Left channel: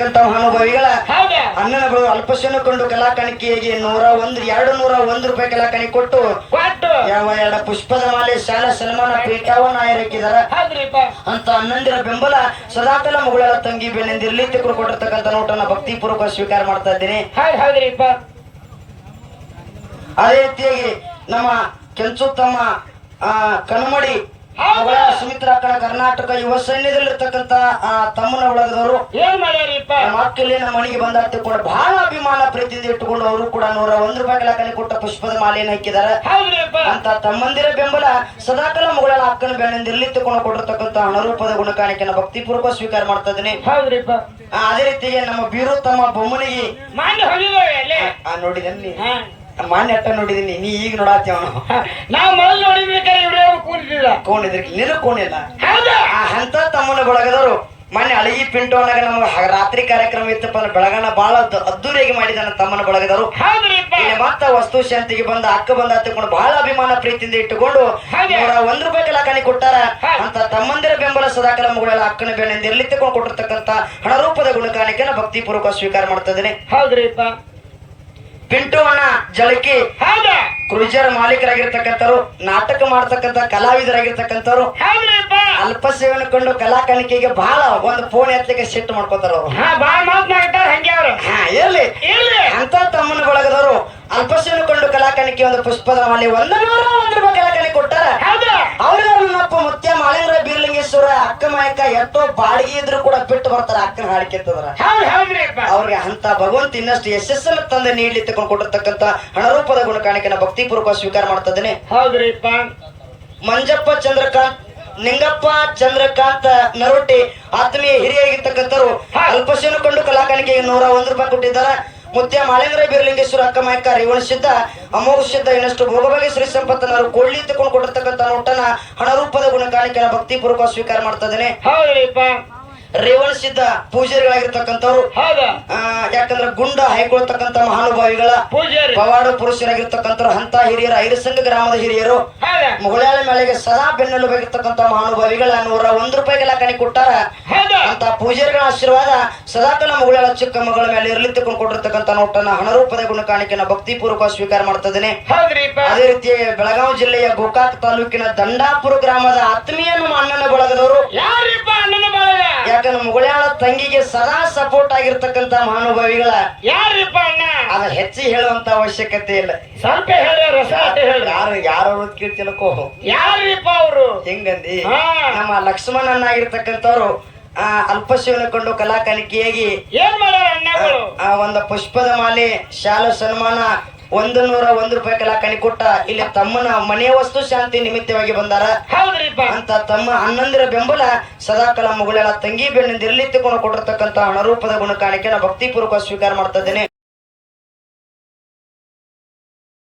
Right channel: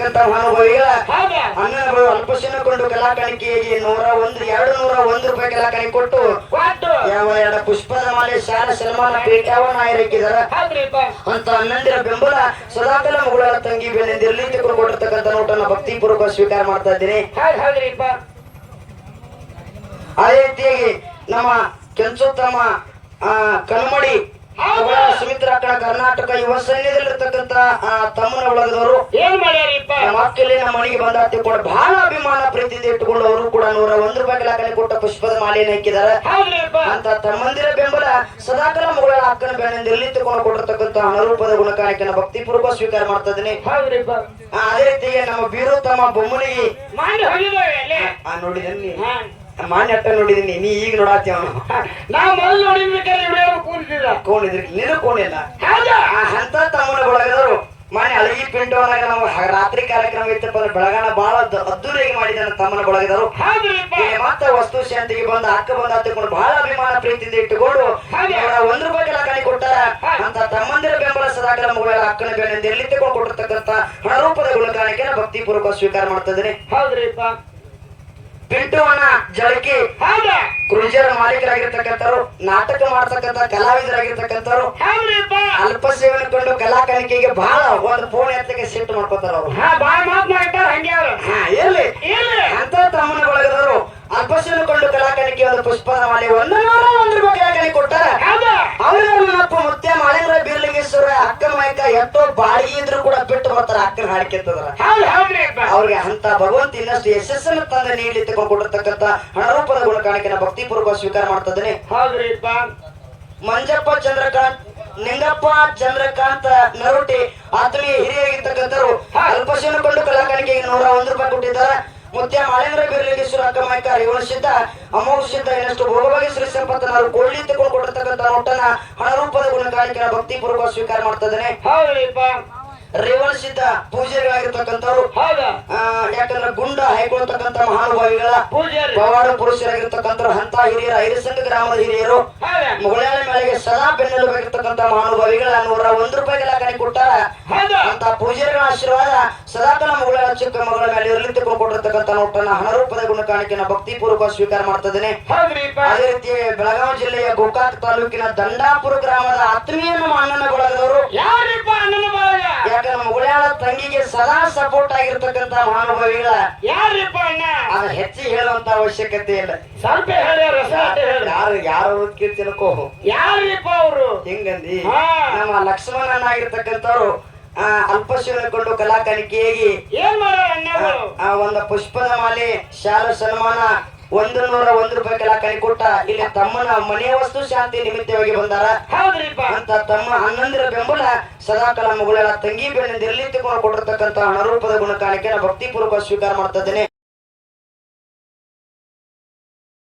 ಮಹಾನುಭಾವಿಗಳ ಅಣ್ಣನ ಬಳಿ ಅಲ್ಪಶನ ಕೊಂಡು ಕಲಾ ಕಾಣಿಕೆಯಾಗಿ 201 ರೂಪಾಯಿ ಕಲಾ ಕಾಣಿಕೆ ಕೊಟ್ಟು ಯಾವ ಎರಡು ಪುಷ್ಪದ ಮಾಲೆ ಶಾಲಾ ಸನ್ಮಾನ ಪೀಠವನ್ನ ಆಯ್ಕೆದಾರ ಅಂತ ಅಣ್ಣಂದಿರ ಬೆಂಬಲ ಸದಾಕಾಲ ಮಗಳ ತಂಗಿ ಬೆನ್ನೆಂದಿರ್ಲಿ ತಿಳ್ಕೊಂಡು ಕೊಟ್ಟಿರ್ತಕ್ಕಂಥ ನೋಟನ್ನ ಭಕ್ತಿ ಪೂರ್ವಕ ಸ್ವೀಕಾರ ಮಾಡ್ತಾ ಇದ್ದೀನಿ. ಅದೇ ರೀತಿಯಾಗಿ ನಮ್ಮ ಕೆಂಚು ತಮ್ಮ ಕನುಮಡಿ ಸುಮಿತ್ರ ಅಕ್ಕನ ಕರ್ನಾಟಕ ಯುವ ಸೈನ್ಯದಲ್ಲಿರ್ತಕ್ಕಂತ ತಮ್ಮನ ಒಳಗದವರು ಏನ್ ಮಾಡ್ಯಾರಿಪ್ಪ ನಮ್ಮ ಅಕ್ಕಲ್ಲಿ ನಮ್ಮ ಮನೆಗೆ ಬಂದ ತಿಳ್ಕೊಂಡು ಬಹಳ ಅಭಿಮಾನ ಪ್ರೀತಿಯಿಂದ ಇಟ್ಟುಕೊಂಡು ಅವರು ಕೂಡ 101 ರೂಪಾಯಿ ಕಲಾಕಲಿ ಕೊಟ್ಟ ಪುಷ್ಪದ ಮಾಲೆಯನ್ನು ಹಾಕಿದಾರ. ಅಂತ ತಮ್ಮಂದಿರ ಬೆಂಬಲ ಸದಾಕಾಲ ಮಗಳ ಅಕ್ಕನ ಬೆನ್ನಿಂದಿರ್ಲಿ ತಿಳ್ಕೊಂಡು ಕೊಟ್ಟಿರ್ತಕ್ಕಂತ ಹಣರೂಪದ ಗುಣಕಾಣಿಕೆಯನ್ನು ಭಕ್ತಿಪೂರ್ವಕ ಸ್ವೀಕಾರ ಮಾಡ್ತಾ ಇದ್ದೀನಿ. ಅದೇ ರೀತಿಗೆ ನಮ್ಮ ಬೀರು ತಮ್ಮ ಬೊಮ್ಮನಿಗೆ ನೋಡಿದೀನಿ ಮಾನ್ಯ ಅಟ್ಟ ನೋಡಿದೀನಿ, ನೀ ಈಗ ನೋಡಾತಿ ಅವನು ನಾವು ಮೊದಲು ನೋಡಿದ್ರೆ ಕೋಣಿದ್ರಿ ನೀನು ಕೋಣಿಲ್ಲ ಅಂತ ತಮ್ಮನ ಬಳಗದವರು ಮೊನ್ನೆ ಅಳಗಿ ಪಿಂಟೋನಾಗ ನಮ್ಗೆ ರಾತ್ರಿ ಕಾರ್ಯಕ್ರಮ ಇತ್ತಪ್ಪ ಬೆಳಗಾನ ಬಹಳ ಅದ್ದೂರಿಯಾಗಿ ಮಾಡಿದಾನ ತಮ್ಮನ ಬಳಗದವರು. ಮತ್ತ ವಸ್ತು ಶಾಂತಿಗೆ ಬಂದ ಅಕ್ಕ ಬಂದ ಹತ್ತಿಕೊಂಡು ಬಹಳ ಅಭಿಮಾನ ಪ್ರೀತಿಯಿಂದ ಇಟ್ಟುಕೊಂಡು 101 ರೂಪಾಯಿ ಕಲಾಕಾಣಿ ಕೊಟ್ಟಾರ. ಅಂತ ತಮ್ಮಂದಿರ ಬೆಂಬಲ ಸದಾಕಾಲ ಮಗಳ ಅಕ್ಕನ ಬೆನ್ನಿಂದ ಎಲ್ಲಿ ತಗೊಂಡು ಕೊಟ್ಟಿರ್ತಕ್ಕಂಥ ಹಣರೂಪದ ಗುಣಕಾಣಿಕೆಯನ್ನು ಭಕ್ತಿ ಪೂರ್ವಕ ಸ್ವೀಕಾರ ಮಾಡ್ತಾ ಇದ್ದೀನಿ. ಪಿಂಟು ಅಣ್ಣ ಜಳಕಿ ಕ್ರೂಜರ್ ಮಾಲೀಕರಾಗಿರ್ತಕ್ಕಂಥವ್ರು, ನಾಟಕ ಮಾಡ್ತಕ್ಕಂಥ ಕಲಾವಿದರಾಗಿರ್ತಕ್ಕಂಥವ್ರು, ಅಲ್ಪ ಸೇವನೆ ಕೊಂಡು ಕಲಾ ಕಾಣಿಕೆಗೆ ಬಹಳ ಒಂದು ಫೋನ್ ಎತ್ತಲಿಕ್ಕೆ ಸಿಟ್ಟು ಮಾಡ್ಕೋತಾರ ಅವರು. ಇರ್ಲಿ ಅಂತ ತಮ್ಮನ ಬಳಗದವರು ಅಲ್ಪ ಸೇವನೆ ಕೊಂಡು ಕಲಾ ಕಾಣಿಕೆ ಒಂದು ಪುಷ್ಪದ ಮಾಲೆ 101 ರೂಪಾಯಿ ಕಲಾ ಕಾಣಿಕೆ ಕೊಟ್ಟಾರ. ಅವ್ರಿಗೆ ಮುತ್ಯ ಮಾಳಿಂಗರ ಬೀರ್ಲಿಂಗೇಶ್ವರ ಅಕ್ಕ ಮಾಯಕ ಎಷ್ಟೋ ಬಾಡಿಗೆ ಇದ್ರು ಕೂಡ ಬಿಟ್ಟು ಬರ್ತಾರ ಅಕ್ಕನ ಹಾಡಿಕೆ ಅಂತಂದ್ರ ಅವ್ರಿಗೆ ಅಂತ ಭಗವಂತ ಇನ್ನಷ್ಟು ಯಶಸ್ಸನ್ನು ತಂದೆ ನೀಡ್ಲಿ ತಗೊಂಡು ಕೊಟ್ಟಿರ್ತಕ್ಕಂಥ ಹಣರೂಪದ ಗುಣಕಾಣಿಕೆನ ಭಕ್ತಿಪೂರ್ವಕ ಸ್ವೀಕಾರ ಮಾಡ್ತಾ ಇದ್ದೇನೆ. ಮಂಜಪ್ಪ ಚಂದ್ರಕಾಂತ್, ನಿಂಗಪ್ಪ ಚಂದ್ರಕಾಂತ್ ನರೋಟಿ ಆತ್ಮೀಯ ಹಿರಿಯಾಗಿರ್ತಕ್ಕಂಥವ್ರು ಅಲ್ಪಶನ ಕೊಂಡು ಕಲಾಕಾಣಿಕೆಗೆ 101 ರೂಪಾಯಿ ಕೊಟ್ಟಿದ್ದಾರೆ. ಮುತ್ಯ ಮಾಳಿಂಗರ ಬೀರ್ಲಿಂಗೇಶ್ವರ ಅಕ್ಕ ಮಾಯಕ ರೇವಣ ಸಿದ್ಧ ಅಮೋಘ ಸಿದ್ಧ ಇನ್ನಷ್ಟು ಭೋಗಭಾಗಿ ಶ್ರೀ ಸಂಪತ್ತನವರು ಕೊಳ್ಳಿ ತಗೊಂಡು ಕೊಟ್ಟಿರ್ತಕ್ಕಂಥ ನೋಟನ ಹಣರೂಪದ ಗುಣಕಾಣಿಕೆನ ಭಕ್ತಿಪೂರ್ವಕ ಸ್ವೀಕಾರ ಮಾಡ್ತಾ ಇದ್ದೇನೆ. ರೇವಣ ಸಿದ್ಧ ಪೂಜಾರಿಗಳಾಗಿರ್ತಕ್ಕಂಥವ್ರು, ಯಾಕಂದ್ರೆ ಗುಂಡ ಹಾಯ್ಕೊಳ್ತಕ್ಕಂಥ ಮಹಾನುಭಾವಿಗಳ ಪವಾಡ ಪುರುಷರಾಗಿರ್ತಕ್ಕಂಥವ್ರು, ಅಂತ ಹಿರಿಯರ ಐರಸಂಗ ಗ್ರಾಮದ ಹಿರಿಯರು, ಮುಗಳಾಳ ಮೇಳೆಗೆ ಸದಾ ಬೆನ್ನೆಲುಬಾಗಿರ್ತಕ್ಕಂಥ ಮಹಾನುಭಾವಿಗಳ 101 ರೂಪಾಯಿ ಕಲಾಕಾಣಿ ಕೊಟ್ಟಾರ. ಅಂತ ಪೂಜಾರಿಗಳ ಆಶೀರ್ವಾದ ಸದಾಕಾಲ ಮುಗಳಾಳ ಚಿಕ್ಕ ಮಗಳ ಮೇಲೆ ಇರಲಿ ತಗೊಂಡು ಕೊಟ್ಟಿರ್ತಕ್ಕಂಥ ನೋಟನ ಹಣರೂಪದ ಗುಣಕಾಣಿಕೆನ ಭಕ್ತಿಪೂರ್ವಕ ಸ್ವೀಕಾರ ಮಾಡ್ತಾ ಇದ್ದೇನೆ. ಅದೇ ರೀತಿ ಬೆಳಗಾವಿ ಜಿಲ್ಲೆಯ ಗೋಕಾಕ್ ತಾಲೂಕಿನ ದಂಡಾಪುರ ಗ್ರಾಮದ ಆತ್ಮೀಯ ನಮ್ಮ ಅಣ್ಣನ ಬಳಗದವರು, ಯಾಕಂದ್ರೆ ಮುಗಳಾಳ ತಂಗಿಗೆ ಸದಾ ಸಪೋರ್ಟ್ ಆಗಿರ್ತಕ್ಕಂಥ ಮಹಾನುಭಾವಿಗಳ ಅದ ಹೆಚ್ಚಿಗೆ ಹೇಳುವಂತ ಅವಶ್ಯಕತೆ ಇಲ್ಲ. ಸ್ವಲ್ಪ ಯಾರು ಕೀರ್ತಿಲಕ್ಕೋ ಯಾರಿಪ್ಪ ಅವರು ಹೆಂಗಂದಿ ನಮ್ಮ ಲಕ್ಷ್ಮಣನಾಗಿರ್ತಕ್ಕಂಥವ್ರು ಅಲ್ಪಶಿವನ ಕೊಂಡು ಕಲಾ ಕಾಣಿಕೆಯಾಗಿ ಏನ್ ಮಾಡ್ಯಾರ ಒಂದು ಪುಷ್ಪದ ಮಾಲೆ ಶಾಲಾ ಸನ್ಮಾನ 101 ರೂಪಾಯಿ ಕಲಾ ಕಾಣಿ ಕೊಟ್ಟ ಇಲ್ಲಿ ತಮ್ಮನ ಮನೆ ವಸ್ತು ಶಾಂತಿ ನಿಮಿತ್ತವಾಗಿ ಬಂದಾರ. ಅಂತ ತಮ್ಮ ಅಣ್ಣಂದಿರ ಬೆಂಬಲ ಸದಾಕಾಲ ಮುಗಳಾಳ ತಂಗಿ ಬೆನ್ನಿಂದ ಎಲ್ಲಿ ತಗೊಂಡು ಕೊಟ್ಟಿರ್ತಕ್ಕಂಥ ಹಣರೂಪದ ಗುಣಕಾಣಿಕೆನ ಭಕ್ತಿಪೂರ್ವಕ ಸ್ವೀಕಾರ ಮಾಡ್ತಾ ಇದ್ದೇನೆ.